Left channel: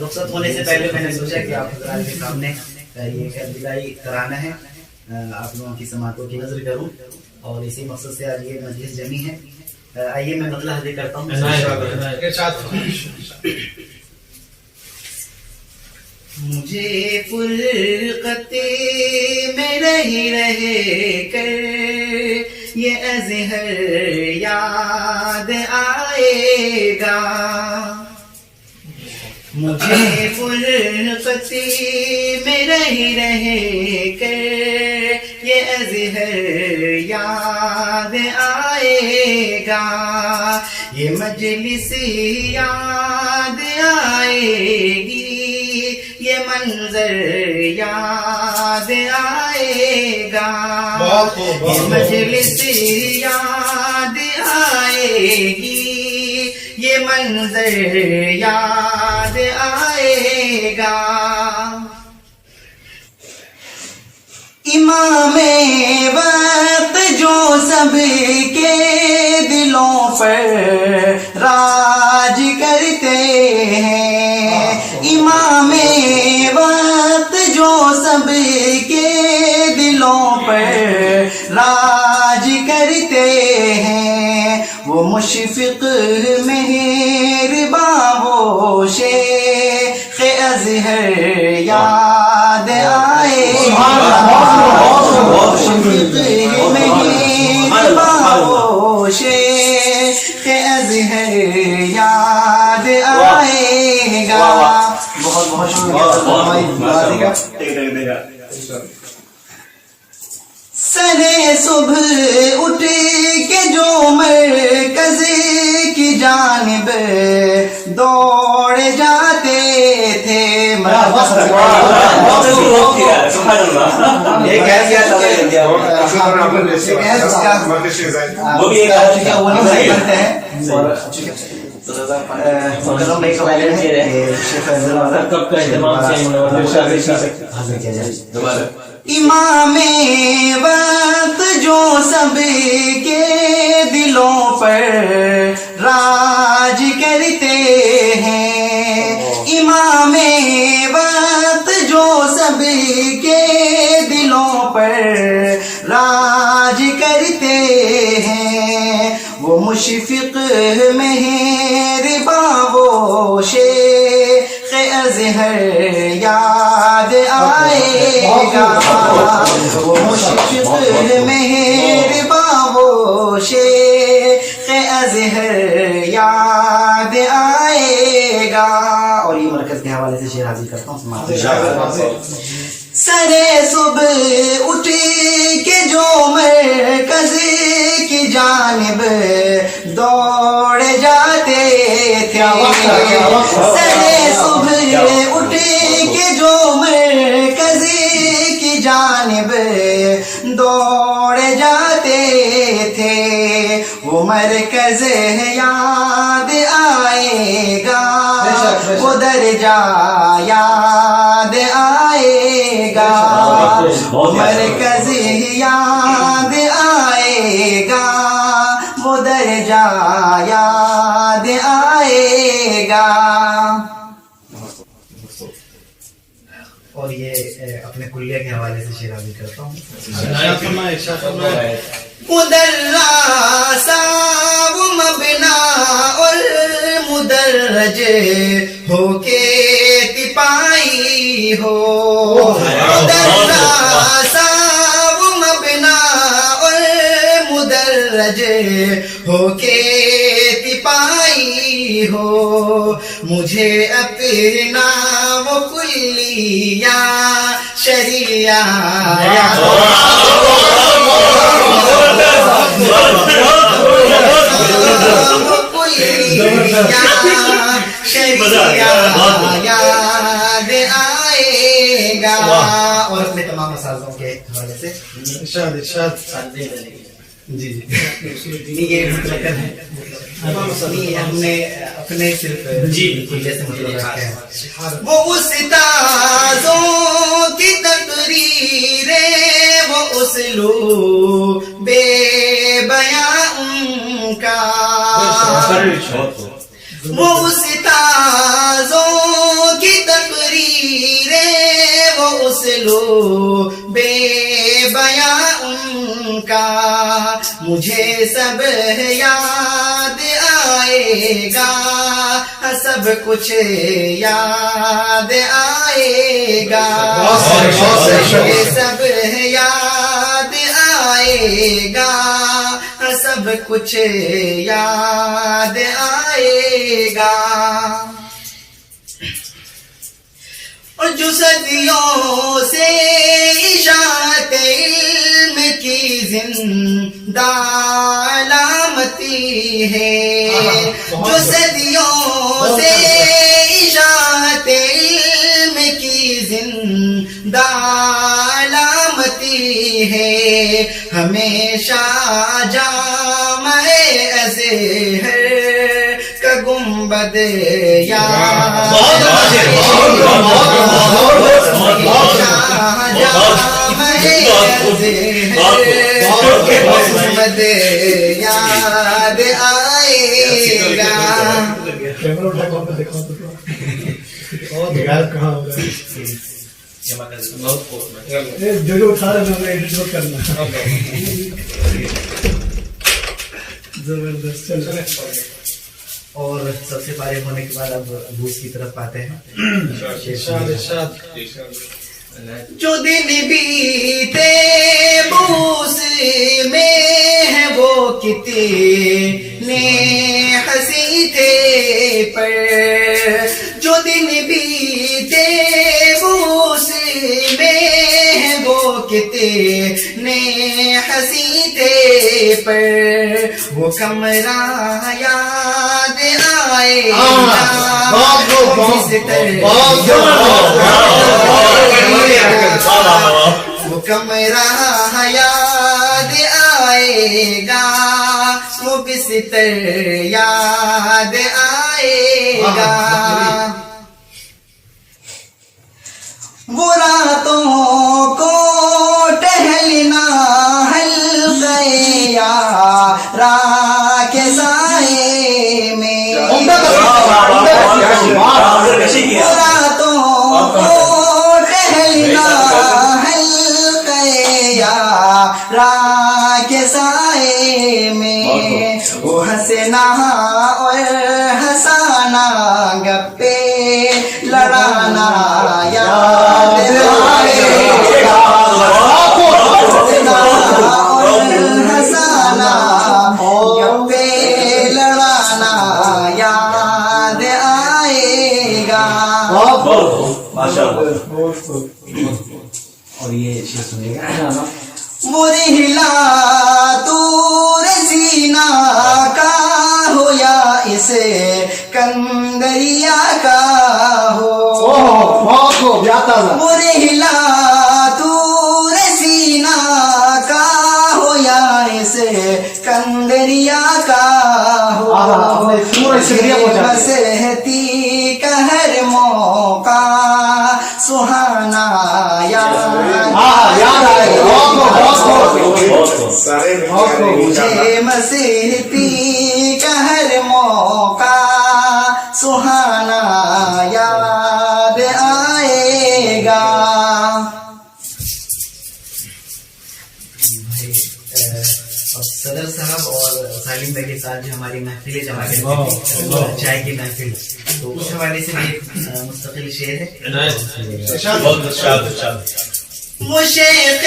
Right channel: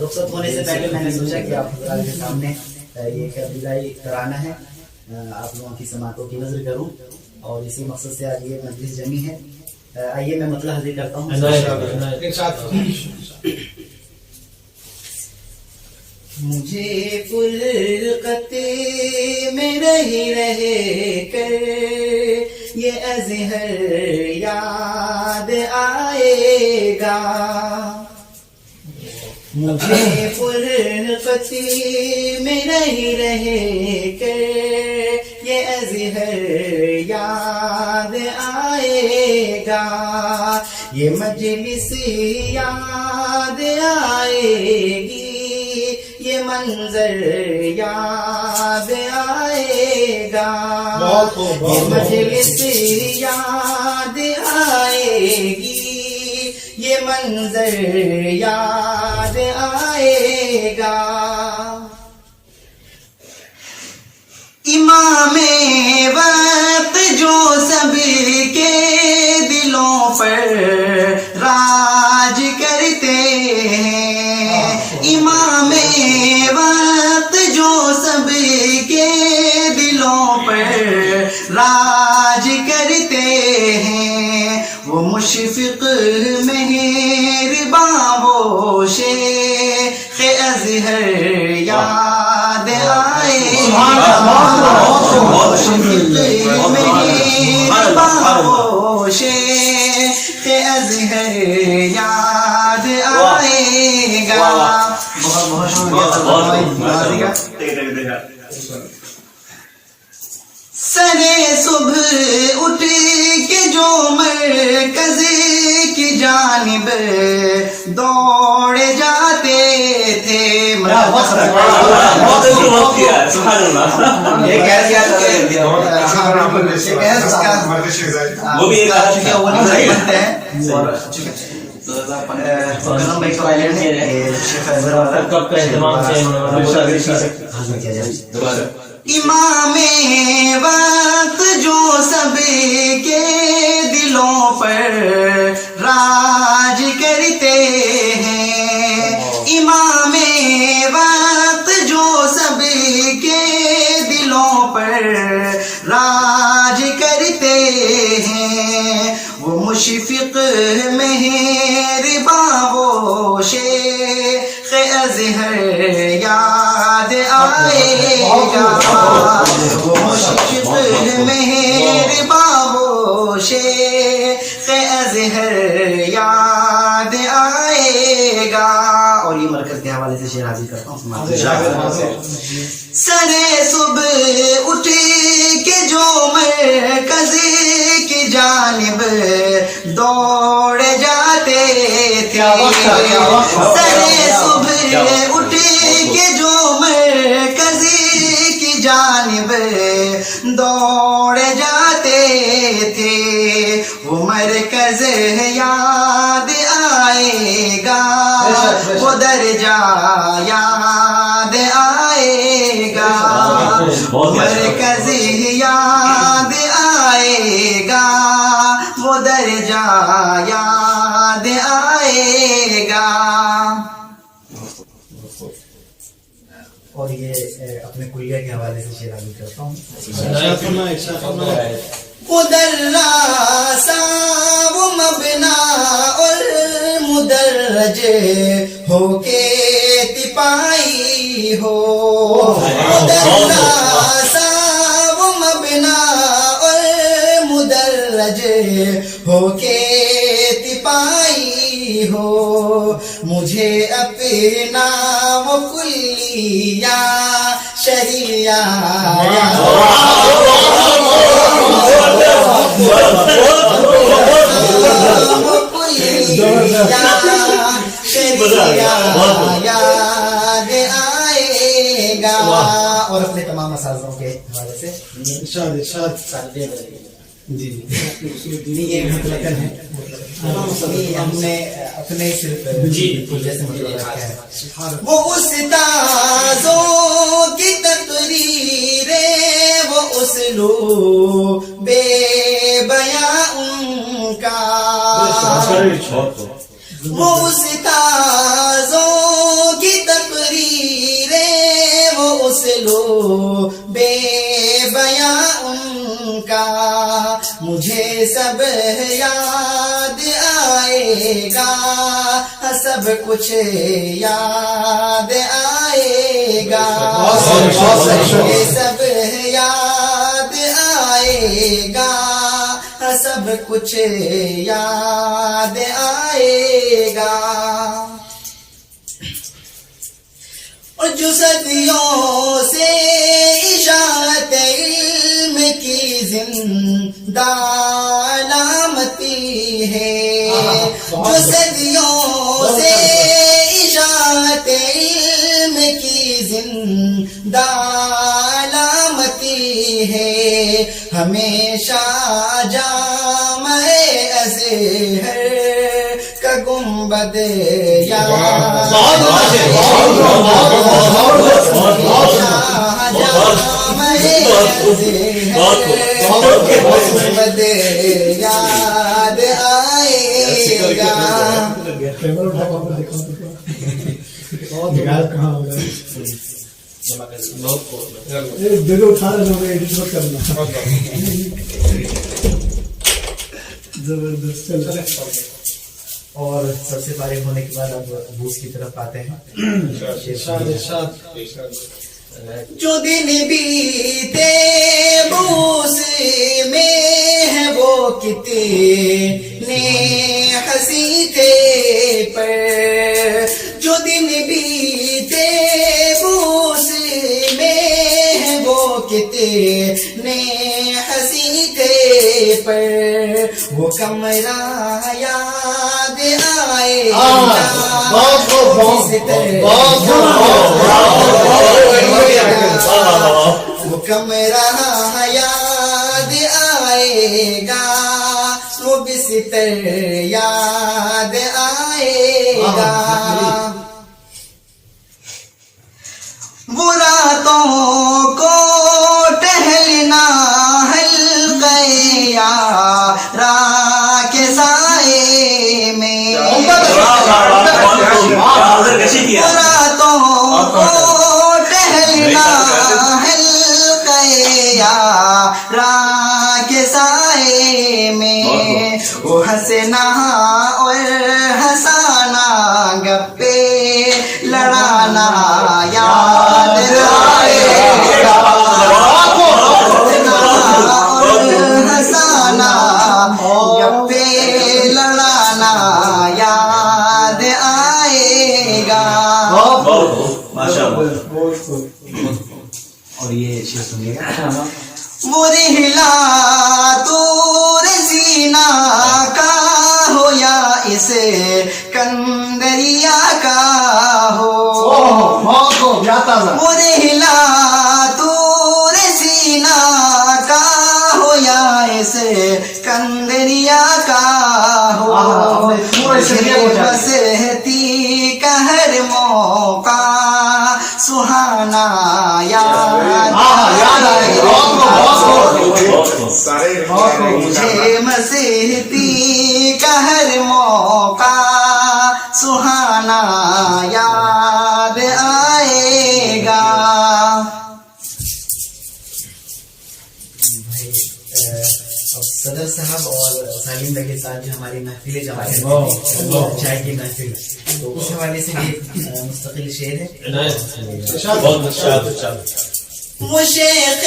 رخصت ہونے سے پہلے میں نے سوچا کہ آپ حضرات کے سامنے یہ دلائی کرانا ہے، آپ لوگوں کی سماعتوں کی نظر کروں، اور اسی مقصد سے آج یہ مجلس جمی ہے. آئیے میں مطلب حاضر کرتا ہوں. مجھے فرقت میں رہ کر یہ اظہر یاد آئے گا، مجھے فرقت میں رہ کر یہ اظہر یاد آئے گا، یہ مجلس یاد آئے گی، یہ منظر یاد آئے گا، یہ مجلس یاد آئے گی، یہ منظر یاد آئے گا. امام وقت جو سب کے دلوں پر راج کرتے ہیں، امام وقت جو سب کے دلوں پر راج کرتے ہیں، وہ مشفق مہرباں وہ شیخ ازہر یاد آئے گا، مہرباں وہ شیخ ازہر یاد آئے گا. بہت بہت شکریہ. سرے صبح اٹھ کے جو مرکز کی جانب دوڑ جاتے تھے، امام وقت جو سب کے دلوں پر راج کرتے ہیں، امام وقت جو سب کے دلوں پر راج کرتے ہیں، وہ مشفق مہرباں وہ شیخ ازہر یاد آئے گا، وہ مشفق مہرباں وہ شیخ ازہر یاد آئے گا. اور یہ مرکز کے حوالے سے شعر حاضر کرتا ہوں. سرے صبح اٹھ کے جو مرکز کی جانب دوڑ جاتے تھے، سرے صبح اٹھ کے جو مرکز کی جانب دوڑ جاتے تھے، وہ مرکز یاد آئے گا، وہ درجہ یاد آئے گا، مرکز یاد آئے گا، وہ درجہ یاد آئے گا. اور یہ اپنے کلیہ کے حوالے سے شعر حاضر کرتا ہوں. مدرسہ و مبنا اور مدرج ہو کے تپائی ہو، مدرسہ و مبنا اور مدرج ہو کے تپائی ہو، مجھے اپنا وہ کلیہ شریعہ یاد آئے گا. اور اپنے تمام اساتذوں کے حوالے سے جی یہ مطلب ہے، ہم نے اپنے صرف جیسے مطلب رکھا ہے. وہ استاذوں کی تقریریں، وہ اسلوب بے بیاں ان کا، وہ استاذوں کی تقریریں، وہ اسلوب بے بیاں ان کا، مجھے سب یاد آئے گا، سب کچھ یاد آئے گا، مجھے سب یاد آئے گا، سب کچھ یاد آئے گا۔ اور جو صدیوں سے اشاعت علم کی زندہ علامتی ہے، جو صدیوں سے اشاعت علم کی زندہ علامتی ہے، ہمیشہ جامع ازہر کا گنبد گنبد یاد آئے گا۔ اور سب سے فارغ ہونے کے بعد اب بوس کی طرف آتے ہیں۔ جو دن بیتے بوس میں ہے وہ کتنے ہنسی تھے پر، جو دن بیتے بوس میں ہے وہ کتنے ہنسی تھے پر، وہ کمرہ یاد آئے وہ کمرہ یاد آئے گا، وہ بستر یاد آئے گا، وہ راتوں کو ٹہلنا حلقہ یارا کے سائے میں، راتوں کو ٹہلنا حلقہ یارا کے سائے میں، وہ ہنسنا اور ہنسانا، گپے لڑانا یاد آئے گا، اور ہنسانا گپے لڑانا یاد آئے گا۔ اور یہ شعر سنیے گا۔ وہ رحلہ طور سینا کا ہو یا اسے کندریا کا ہو، وہ رحلہ طور سینا کا ہو یا اسے کندریا کا ہو، بسہتی کا ہر موقع سہانا یاد مجھے مسیحتی کا ہر موقع سہانا یاد آئے گا۔ صدر صاحب اور سالم بھائی کے ساتھ جو ہماری محفل جمع چائے کی محفل، تو اس حوالے سے بھی مستقل شعر ہے۔ وہ شیخ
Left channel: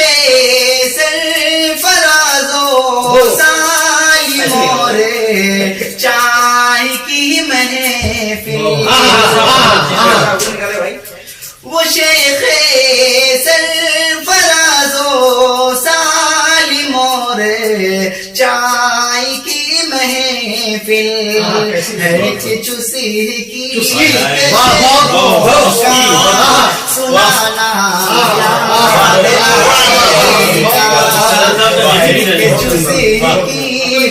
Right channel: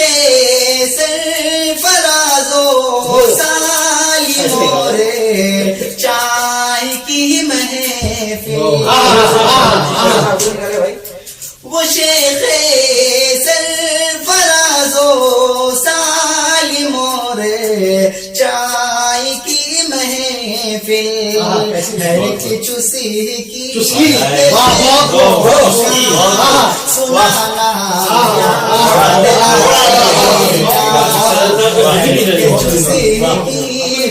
سرفراز و سالم اور چائے کی محفل، وہ شیخ سرفراز و سالم اور چائے کی محفل، ہے کہ چوسی کی سنانا چوسی کی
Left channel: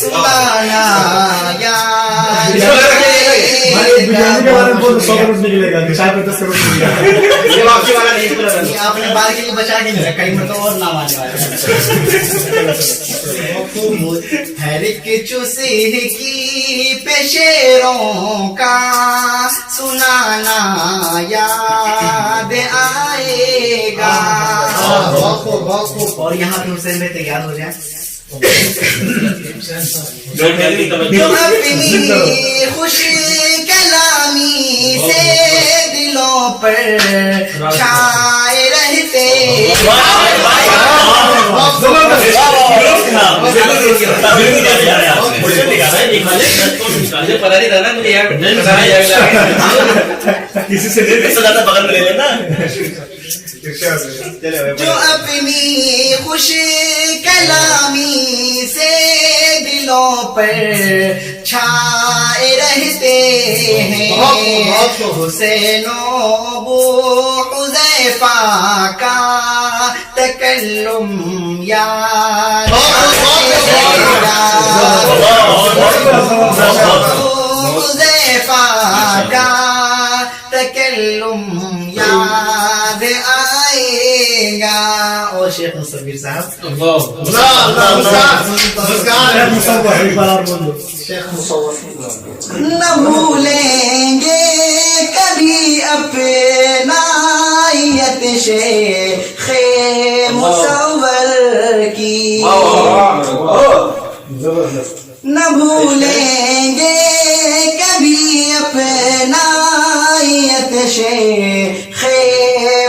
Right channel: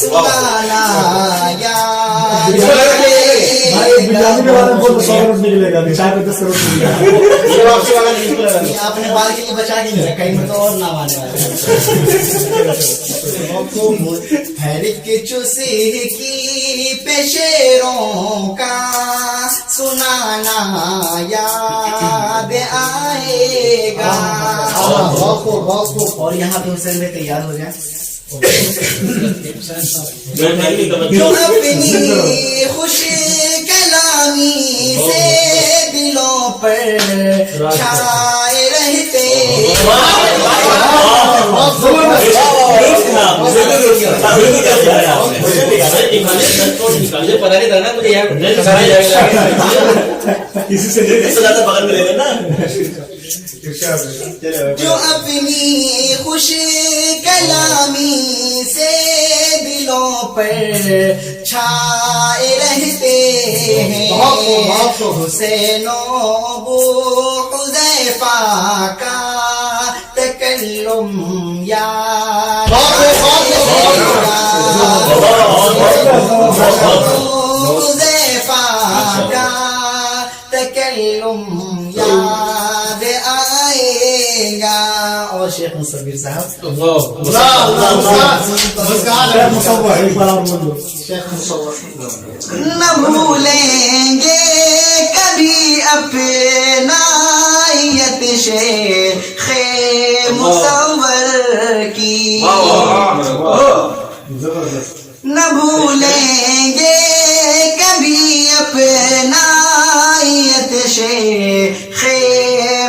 سنانا یاد بریانی کے بارے میں بولو 100 کروڑ نکلے گا، شاید 10 کروڑ نکلے گا. یہ واپسی والا نہیں پورا، آپ نے بعد کے لیے بچا کے نہیں رکھا، مطلب اور نام آنے والے. ہر ایک چوسے کی پیشیروں کا سنانا یاد آئے گا. اور یہاں پہ حسین میں تیار ہو جائیں. جو اپنی خوش کلامی سے دلوں پر چھائے رہتے کسی سے بغل میں لے لینا. جو اپنی خوش کلامی سے دلوں پر چھائے رہتے ہیں. حسین و ابو حذیفہ کا تکلم یاد حذیفہ کا تکلم یاد آئے گا. اور شیخ مصور صاحب نہ بھولیں گے کبھی اپنائیت شیخ مصور کی. نہ بھولیں گے کبھی اپنائیت شیخ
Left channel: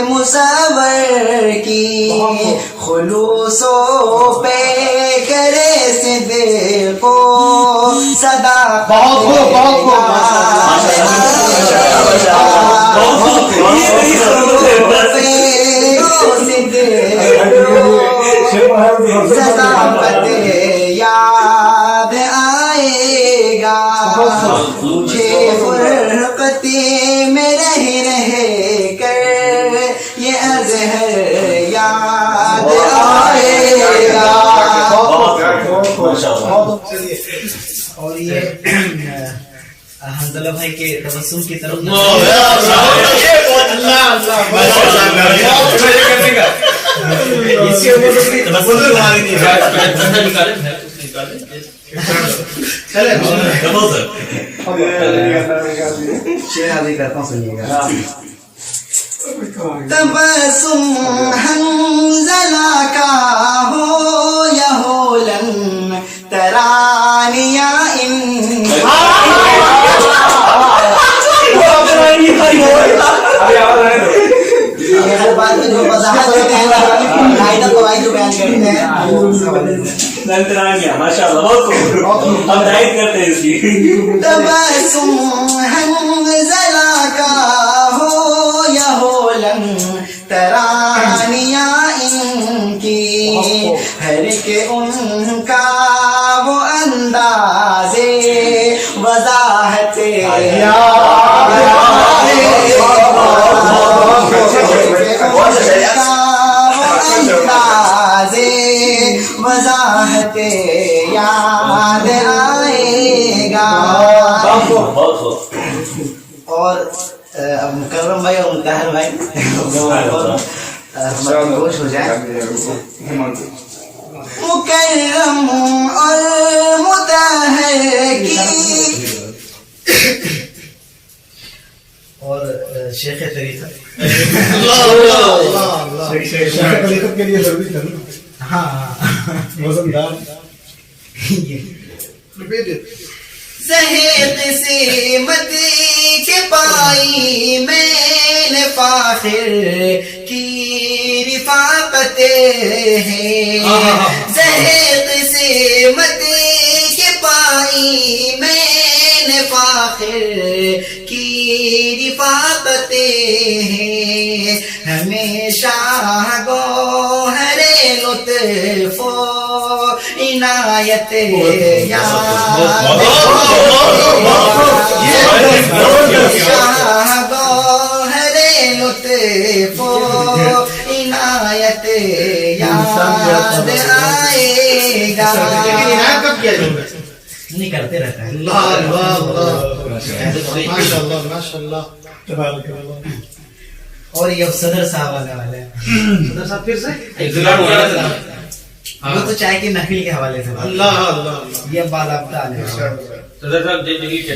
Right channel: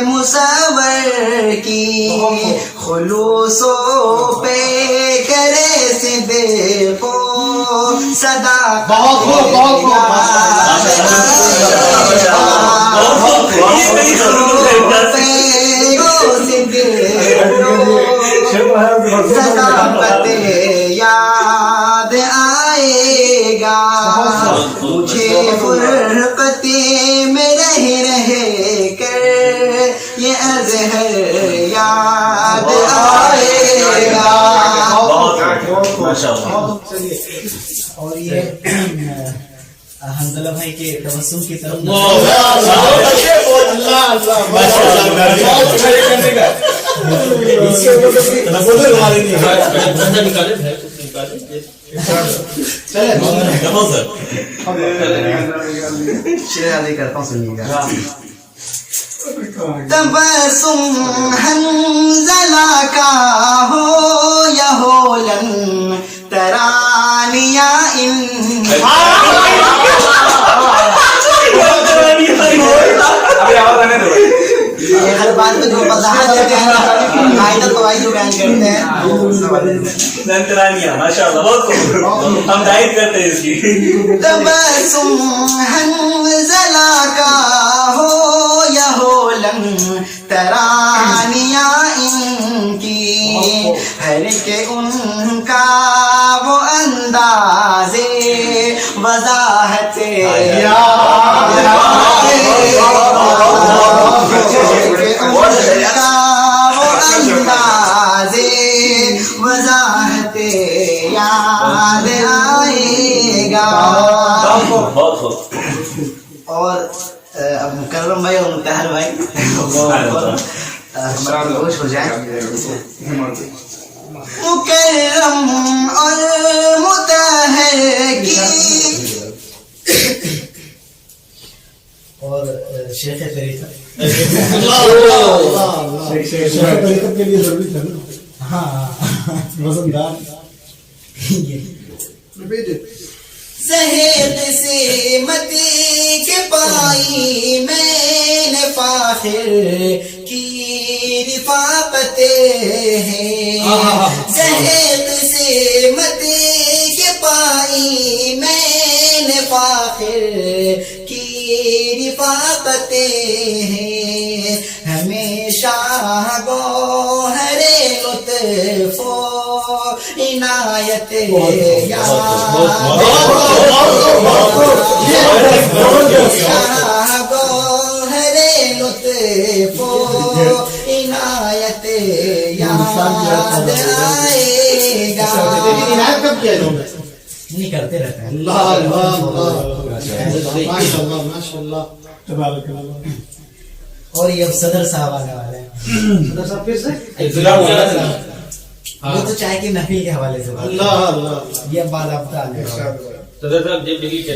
مصور کی. خلوص و پیکرے صدق و صداقت یاد آئے گا. مجھے فرقت میں رہ کر یہ اظہر یاد آئے گا. اور یہ حنظلہ بھائی کے تبسم کی طرف شیرازی کرتا ہوں، سنیے گا. تبسم حنظلہ کا ہو یا ہولن ترانیاں ان ہر بات میں جو وضاحت کرتے ہیں قاعدہ قواعد جو بیان کرتے ہیں ماشاء اللہ بہت ہم دائر کرتے ہیں اس لیے. تبسم حنظلہ کا ہو یا ہولن ترانیاں ان کی. ہر کے ان کا وہ انداز وضاحت وضاحت یاد آئے گا. اور اب مکرم بھائی اور مطہر بھائی خوش ہو جائیں. مکرم اور مطہر کی اور شیخ طریقت کے لیے ضروری تھا. ہاں وزندار صحت سمت کے پائی میں نے فاخر کی رفاقت ہے. صحت سمت کے پائی میں نے فاخر کی رفاقت ہے. ہمیشہ گوہر لطف و عنایت گوہر لطف و عنایت یاد آئے گا. نہیں کرتے رہتا ہے. ماشاءاللہ ماشاءاللہ. تبارک اللہ. اور یہ صدر صاحب آنے والے ہیں. صدر صاحب پھر سے وہ تو چائے کی محفل کے حوالے سے بات. اللہ اللہ. یہ باضابطہ آنے والا ہے. صدر صاحب زندگی کیا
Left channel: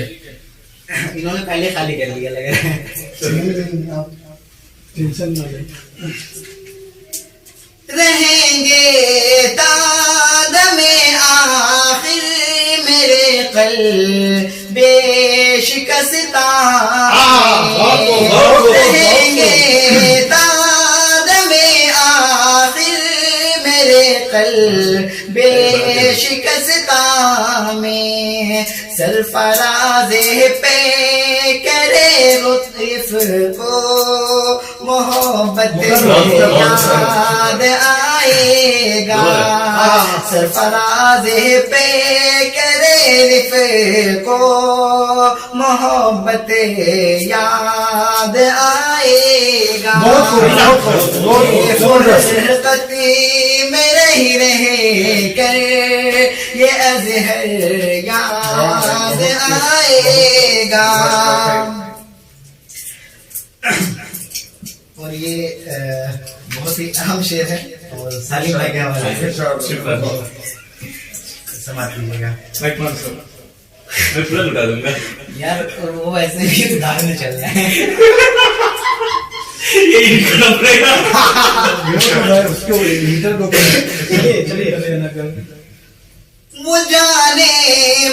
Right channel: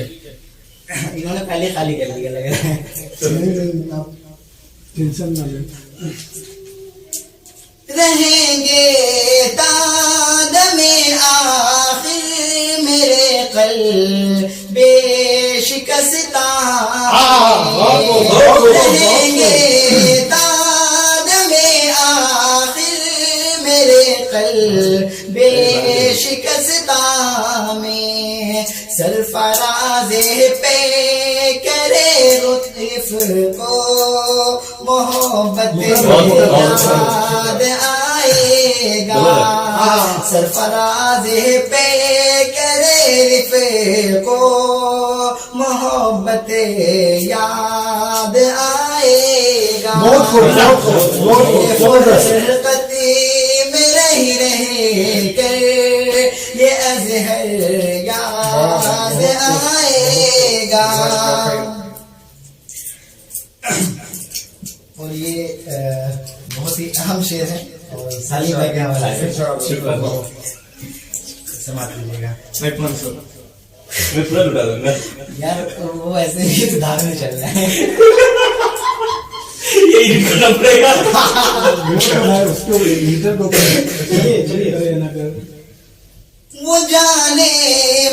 انہوں نے پہلے خالی کر لیا لگ رہا ہے. ٹینشن نہ لے. رہیں گے تادم آخر میرے قلب بے شکستہ رہیں گے تادم آخر میرے قلب بے شکستہ میں سرفراز پہ کرے لطف کو محبت یاد آئے گا. سرفراز پہ کرے لطف کو محبت یاد آئے گا. فرقتی میں رہ کر یہ اظہر یاد آئے گا. اور یہ بہت ہی اہم شعر ہے اور سالم بھائی کے حوالے سے سماعت کیجیے گا. میں پورا لٹا دوں گا. یار وہ ایسے ہی دھاگ میں چل رہے ہیں. اس کو لیڈر کو چلیے نہ کر. وہ جانے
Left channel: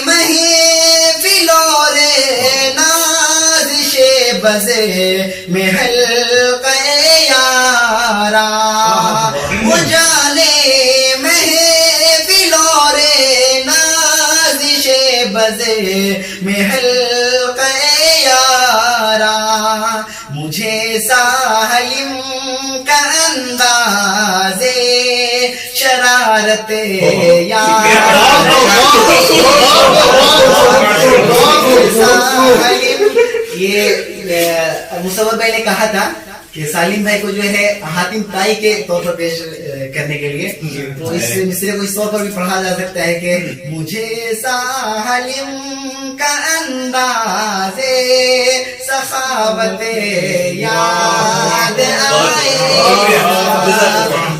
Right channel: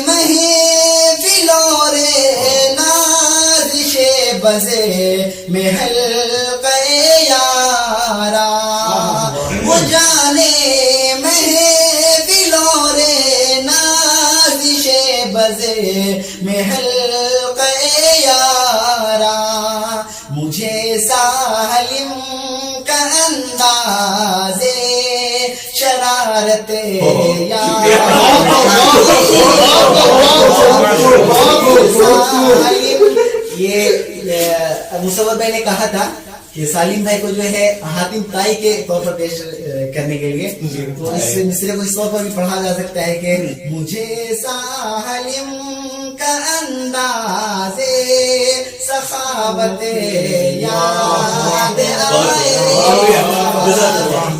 محفلوں نازش بزے میں حلقہ یارا. وہ جانے محفلوں نازش بزے میں حلقہ یارا. مجھے سالم کا انداز شرارت یہ مصور بھائی نے کہا تھا کہ سالم بھائی کو جو ہے حاتم تائی کے طور پر پیش کرنے کے لیے تو اس مصرے کو اس طور پر بھی پڑھا جا سکتا ہے کہ مجھے سالم کا انداز سخاوت یاد آئے.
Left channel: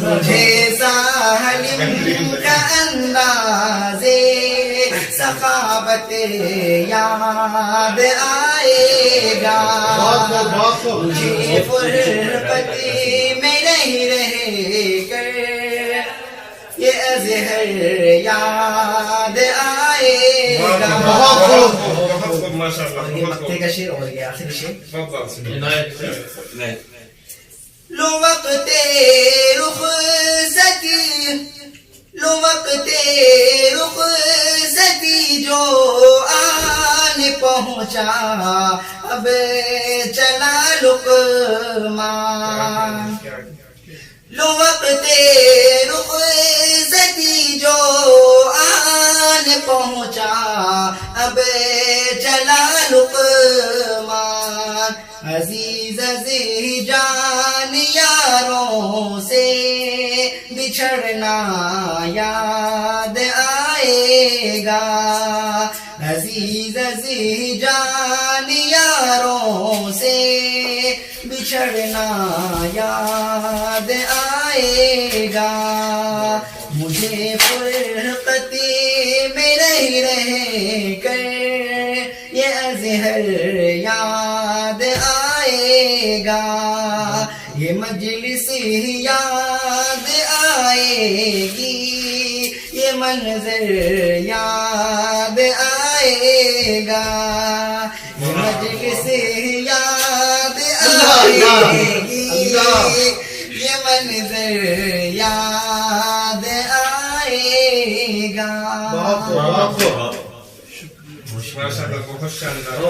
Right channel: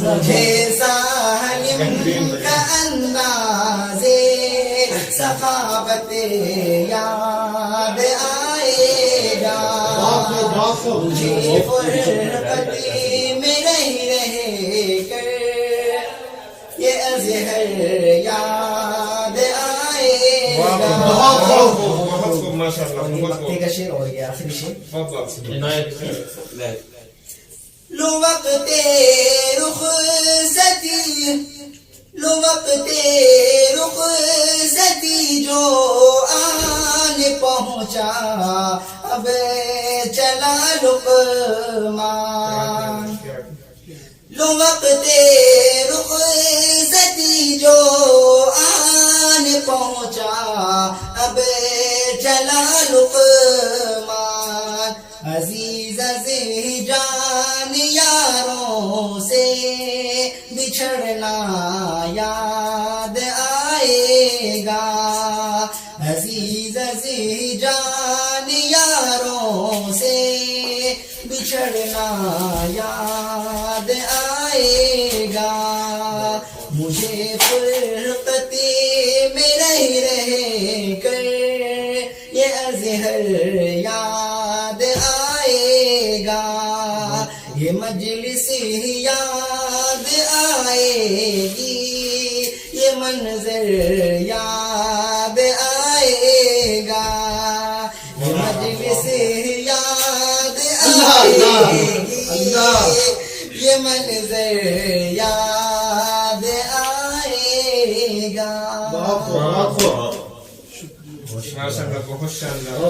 مجھے سالم کا انداز سخاوت یاد آئے گا. مجھے فرقتی میں نہیں رہ کر یہ اظہر یاد آئے گا. اور یہ مکتے کا شعر اور یہ آخری شعر. لو وقت رخصتی لو وقت رخصتی جو آن پہنچا اب چلا لقمان. لو وقت رخصتی جو آن پہنچا اب چلا لقمان. عزیز عزیز جان یاروں سے بچھڑنا یاد آئے گا. عزیز عزیز جان یاروں سے بچھڑنا یاد آئے گا. مجھے فرقتی میں رہ کر یہ اظہر یاد آئے گا. یہ مجلس یاد آئے گی یہ منظر یاد آئے گا. یہ مجلس یاد آئے گی یہ منظر یاد آئے گا. بہت شاندار.